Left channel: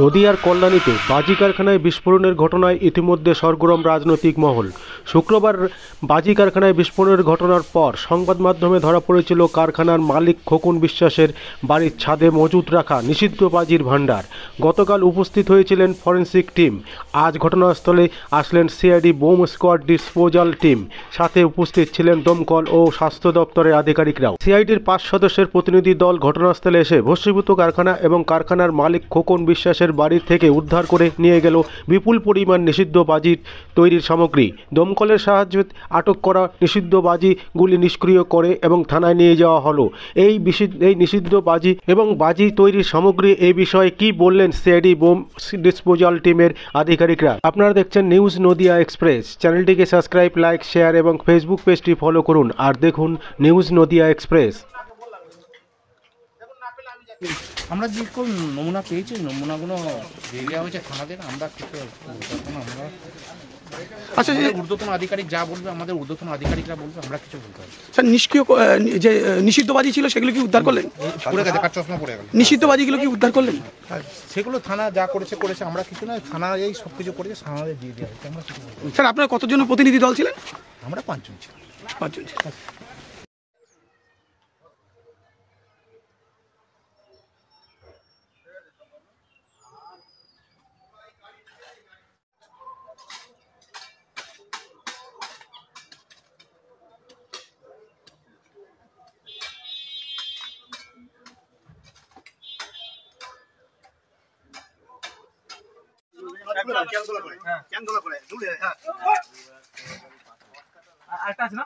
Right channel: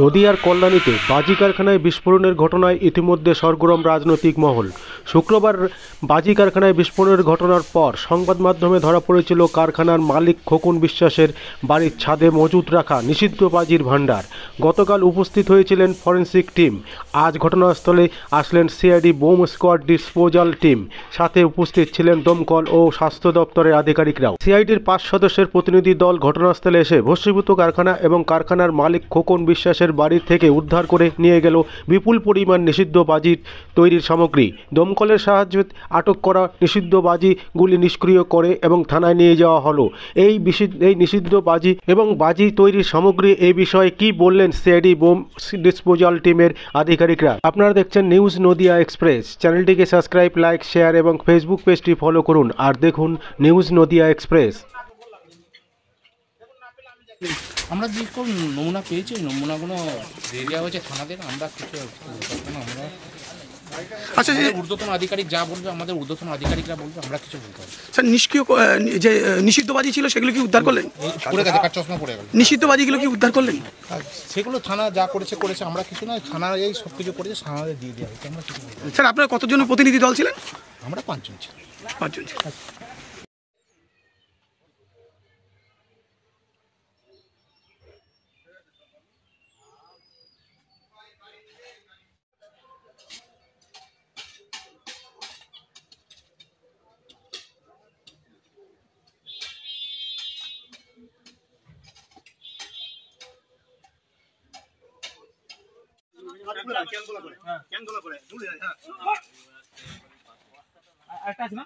নদিয়ার কল্যাণীতে বাজি কারখানায় বিস্ফোরণের ঘটনায় ইতিমধ্যে সরগরম রাজনৈতিক মহল। শুক্রবার বাজি কারখানায় বিস্ফোরণের ঘটনার পর সংবাদ মাধ্যমে ধরা পড়েছিল কারখানার মালিক খোকন বিশ্বাসের বাড়ির ছাদে মজুত রাখা নিষিদ্ধ বাজির ভাণ্ডার। গতকাল উপস্থিত হয়েছিলেন ফরেন্সিক টিম। আজ ঘটনাস্থলে আসলেন CID bomb squad disposal team. সাথে উপস্থিত ছিলেন দমকল ও স্বাস্থ্য দপ্তরের আধিকারিকরাও। সিআইডির 5 সদস্যের প্রতিনিধি দল ঘটনাস্থলে এসে ভস্মীভূত কারখানা এবং কারখানার মালিক খোকন বিশ্বাসের বাড়ি থেকে উদ্ধার করে নিয়ে গেল বিপুল পরিমাণ নিষিদ্ধ বাজি তৈরির সামগ্রী। দমকলের সাহায্যে আটক করা নিষিদ্ধ বাজিগুলি নিষ্ক্রিয় করে এবং থানায় নিয়ে যাওয়া হলো। এই নিষিদ্ধ বাজি এবং বাজি তৈরির সামগ্রী এই বিষয়ে কি বললেন সিআইডি বোম ডিসপোজাল টিমের আধিকারিকরা। আপনারা দেখছেন নিউজ নদিয়া এক্সপ্রেস। চ্যানেলটিকে সাবস্ক্রাইব, লাইক, শেয়ার এবং ফেসবুক পেজটি ফলো করুন আর দেখুন নিউজ নদিয়া এক্সপ্রেস। আমরা যে কোন নমুনা পেয়েছি নমুনাগুলো দিয়ে দেওয়া হয়েছে থানাদের। আমরা কিছু আমরা আচ্ছা যে ঊর্ধ্বতন আধিকারিক যা বলবে আমাদের ঊর্ধ্বতন আধিকারিকরা বলবে, আমরা কিছু বলতে হবে। স্যার নিষ্ক্রিয় যে নিষিদ্ধ বাজি ছিল সেগুলো কি উদ্ধার করলেন? পড়ে গেছে, কার চশমা পড়ে গেল। নিষিদ্ধ বাজিগুলো কি উদ্ধার করলেন? সেগুলো থানা যা করেছে আমরা কিছু না, থানা এই সব কিছু করেছে, থানাদের দিয়ে দেওয়া হয়েছে। আমরা কিছু বলতে হবে। স্যার আপনার কতজন প্রতিনিধি দল ছিলেন? আমরা 5 জন ছিলাম। 5 জন ছিলেন। একটা আছে না?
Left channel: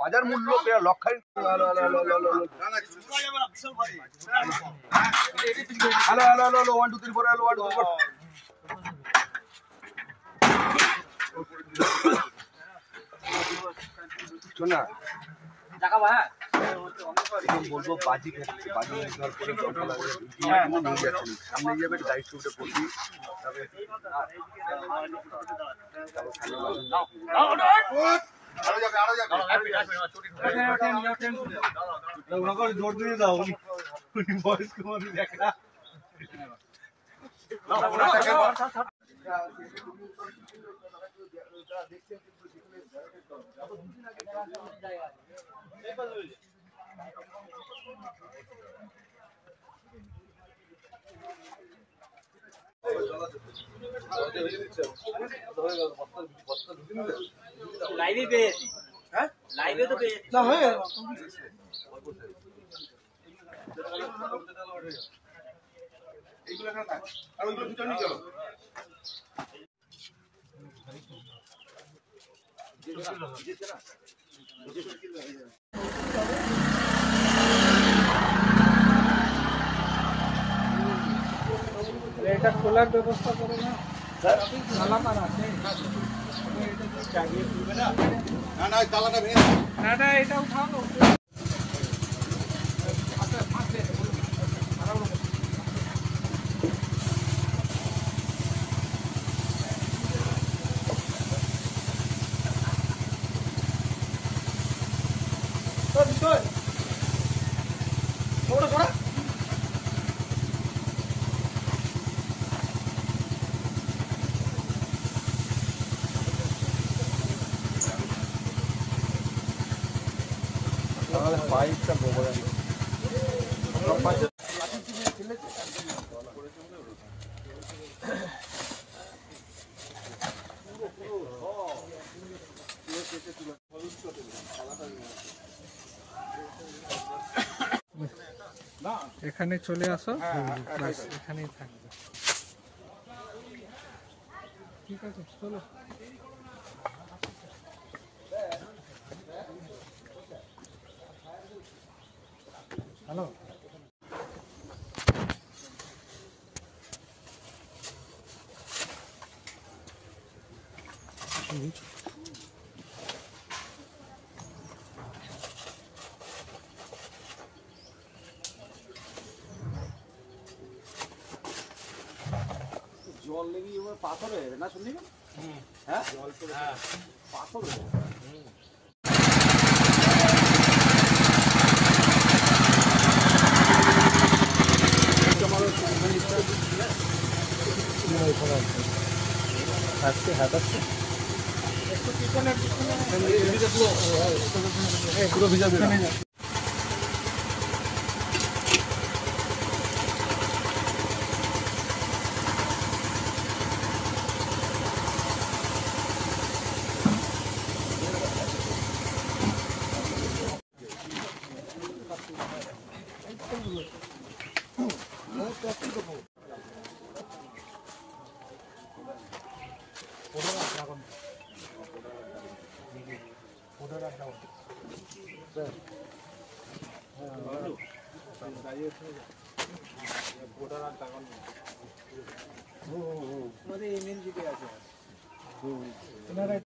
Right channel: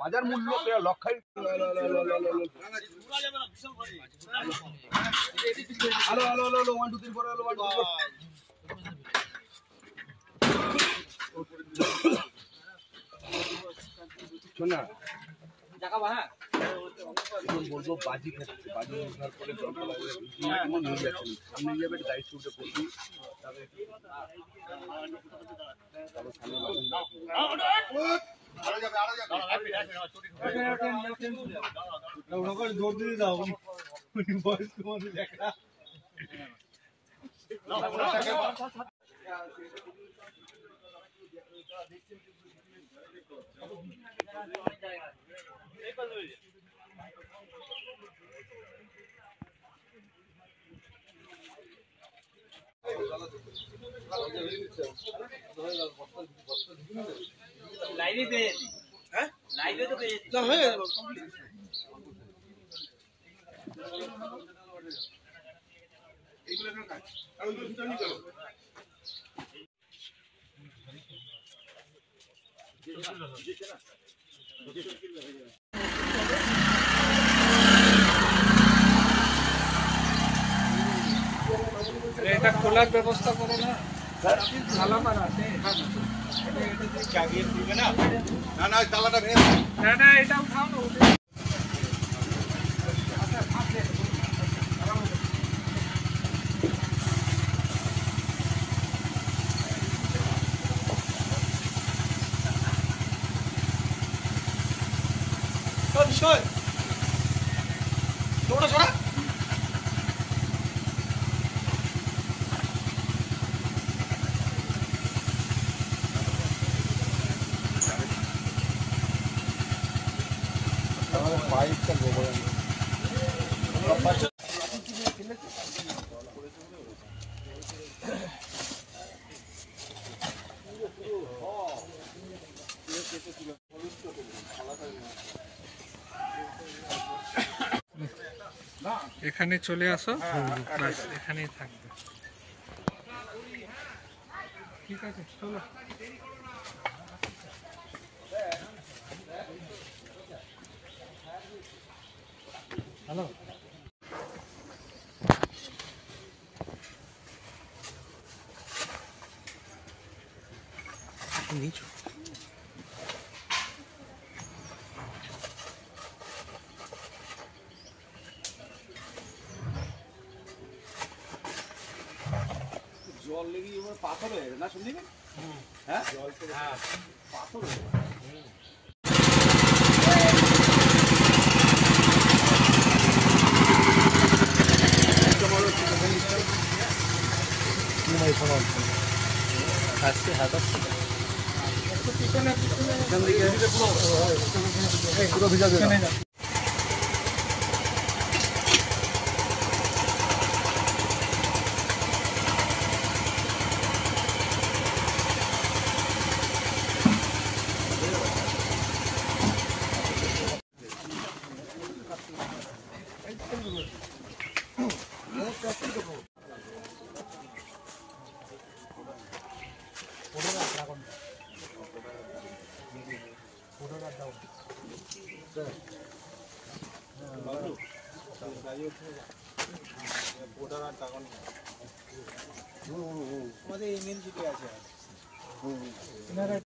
বাজার মূল্য লক্ষাধিক শোনা বলবো বাজি খাচ্ছে, বাজি সামনে যাবে দায়িত্ব করবি। জোর দিয়ে দাও, বয়স্ক মানুষ দেখা লাইভে পেয়েছি। হ্যাঁ লাইভে তো পেয়েছি না হয়ে গেল। এইগুলো না আর ওইগুলো ভিতরে নিয়ে চলো। এটা খোলার ব্যবস্থা করো না। না না তালাটা ভেঙে না এটা উঠানো। পাইপটা গোবর এখানে চলে আসো, বাস এখানেই থাকবে। ঠিক আছে চলো। হ্যালো নিয়েছো? জল লেগে এবার পাথরে না শুনলি হ্যাঁ জল পড়ে পাথর